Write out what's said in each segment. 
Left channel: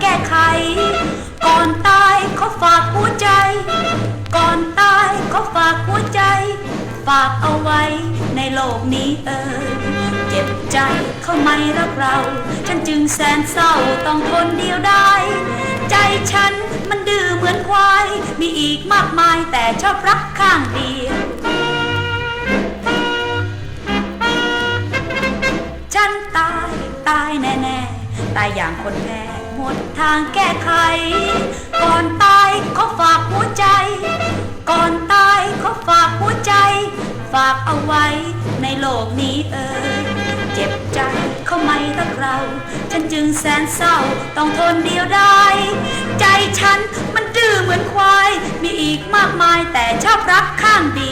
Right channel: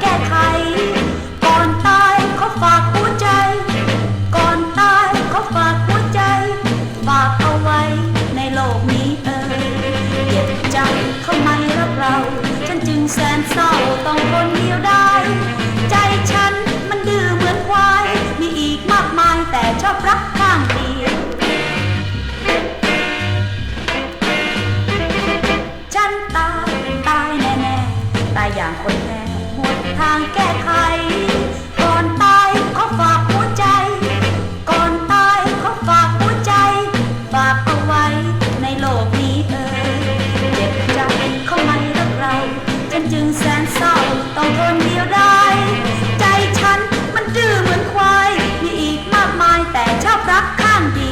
แก้ไข ก่อนตายเขาฝากหัวใจ ก่อนตายเขาฝากหัวใจ ฝากเอาไว้ในโลกนี้เออเก็บใจเขาไม่รักเรา ฉันจึงแสนเศร้าต้องคนเดียวได้ ใจฉันมันดื้อเหมือนควาย มีอีกมากมายแต่ชอบรักข้างเดียวฉันตายตายแน่ๆตายอย่างคนแพ้ หมดทางแก้ไข ก่อนตายเขาฝากหัวใจ ก่อนตายเขาฝากหัวใจ ฝากเอาไว้ในโลกนี้เออเจ็บใจเขาไม่รักเรา ฉันจึงแสนเศร้าต้องทนเดียวได้ ใจฉันมันดื้อเหมือนควาย มีอีกมากมายแต่ชอบรักข้างเดียว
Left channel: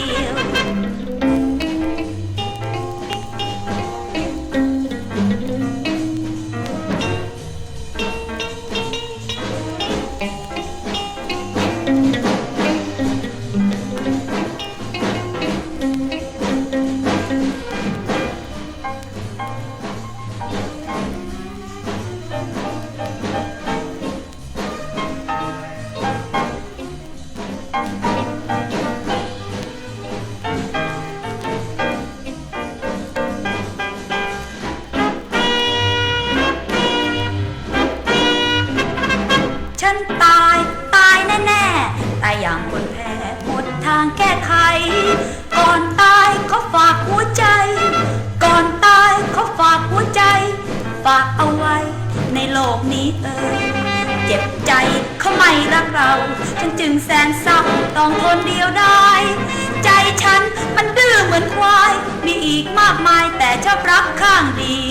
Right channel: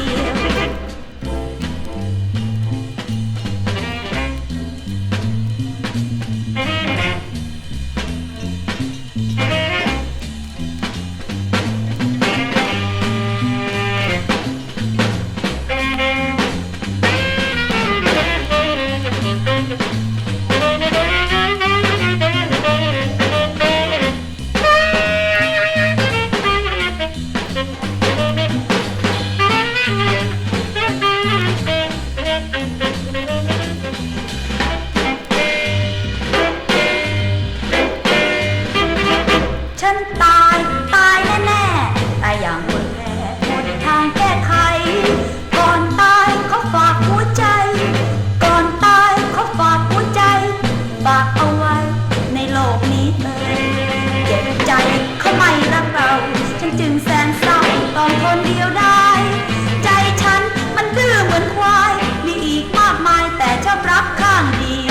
ฉันตายตายแน่ๆตายอย่างคนแพ้หมดทางแก้ไข ก่อนตายเขาฝากหัวใจ ก่อนตายเขาฝากหัวใจ ฝากเอาไว้ในโลกนี้เอ่ยเจ็บใจเขาไม่รักเราฉัน จึงแสนเศร้าต้องทนเดียวได้ ใจฉันมันดื้อเหมือนควาย มีอีกมากมายแต่ชอบรักข้างเดียว